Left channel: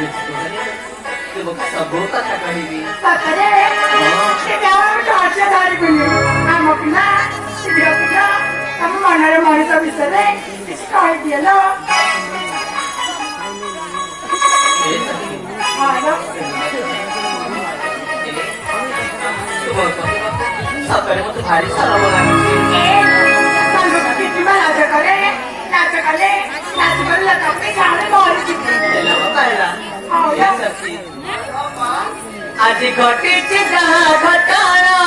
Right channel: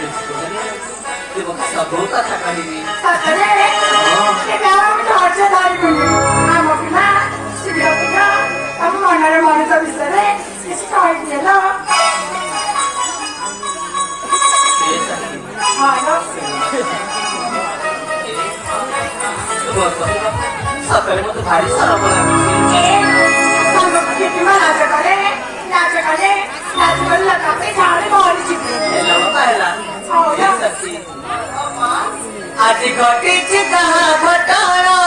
ते बघ सभोवता सकाळी मी माणूस विसरले काय केलं सकाळी मग भारी सराव आधी घटीची घटाळा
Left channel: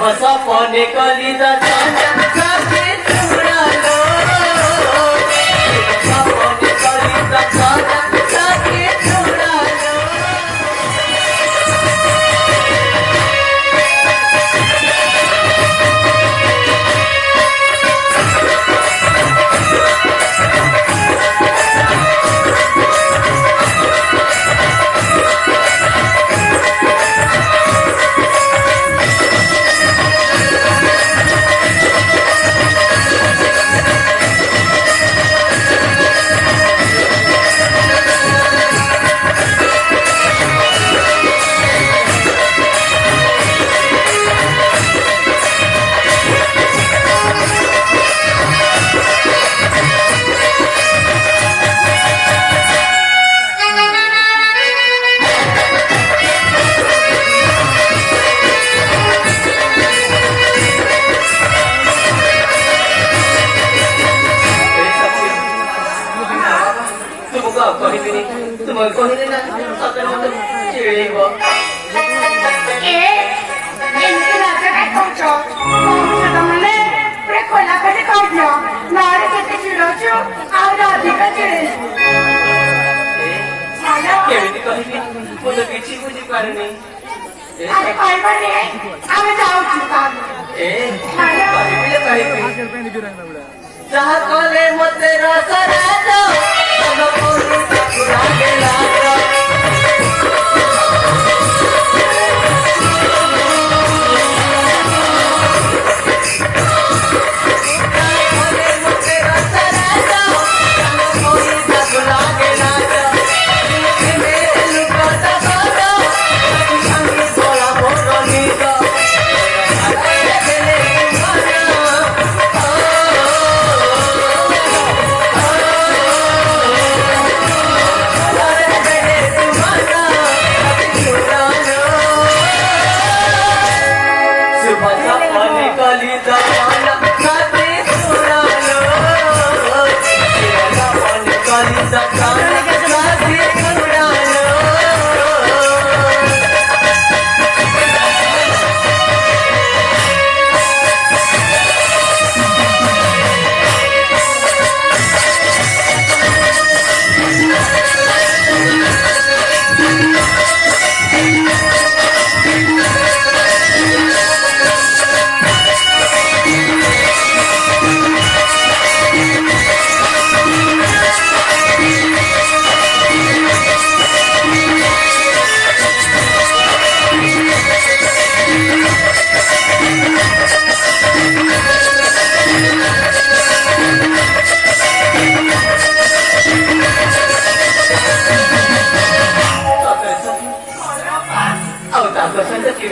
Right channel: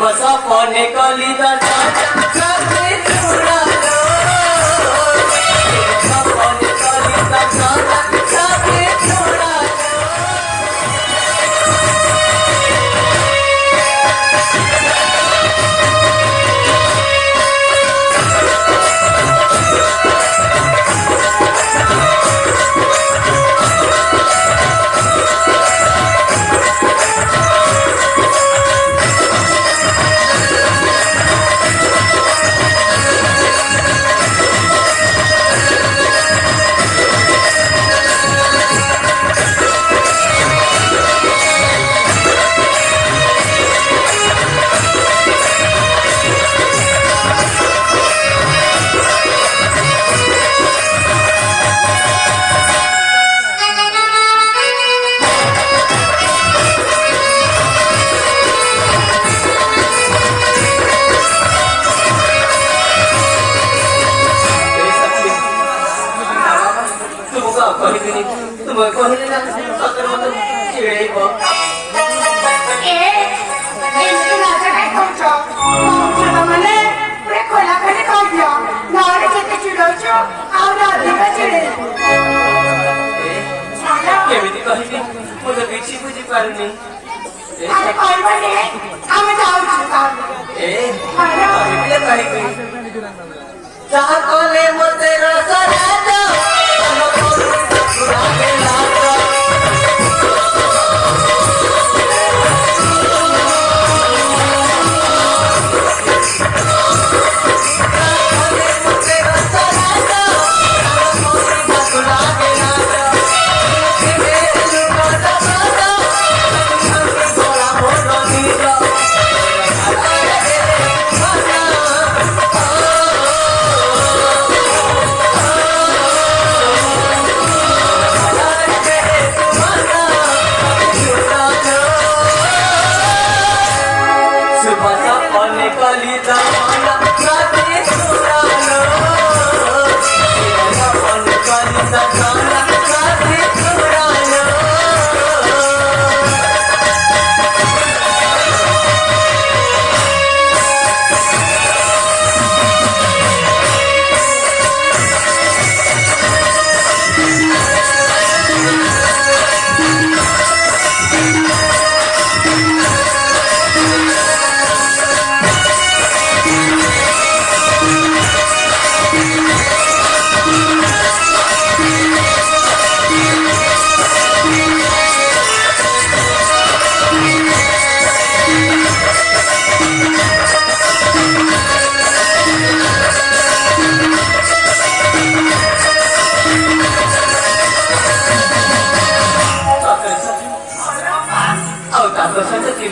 बसा पाने काली दा साथे छुड़ालो बसा पाने काली दा साथे छुड़ालो କହିଲେ ନା ସତରେ ମତେ ଚିଡ଼େଇବ କେମିତି କହିବି ମୁଁ ତ କିଛି ବୁଝିପାରୁନି କହିବି ଯାହା କଲେ ମତେ ରସ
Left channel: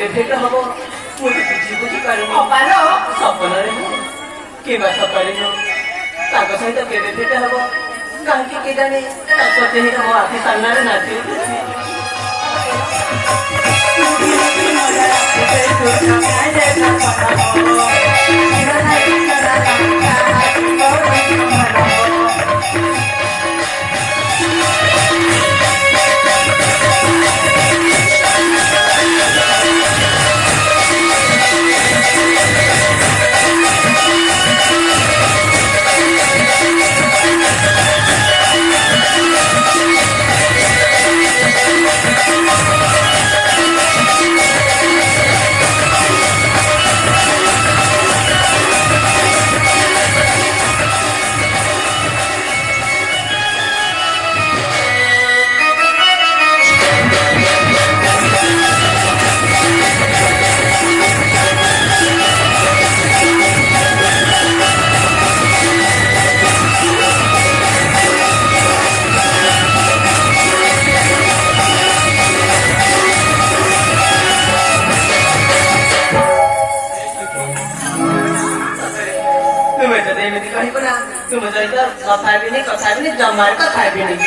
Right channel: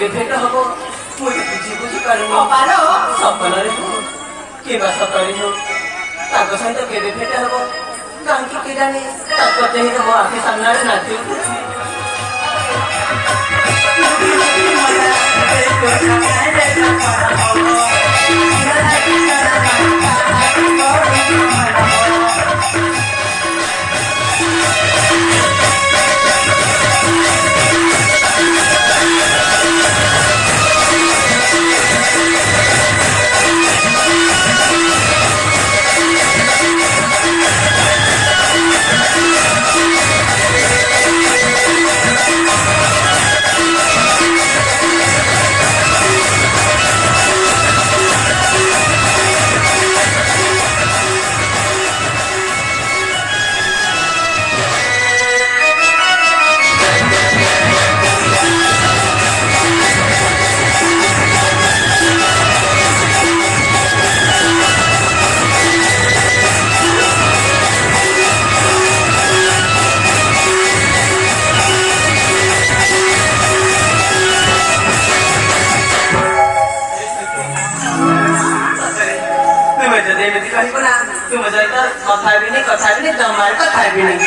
भेट हम मुझे बुझी बुझिपारुनी सपनारे हो किंवा सकाळी हो ताको सहित केबे भेट हम कांकी के जाने ताको देह मो आखि सामने नाची करने दमार का खाए भी नहीं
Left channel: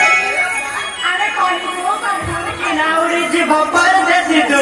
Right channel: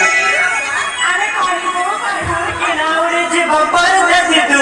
अरे कौन को कर नावरे जी भपर जैसी तू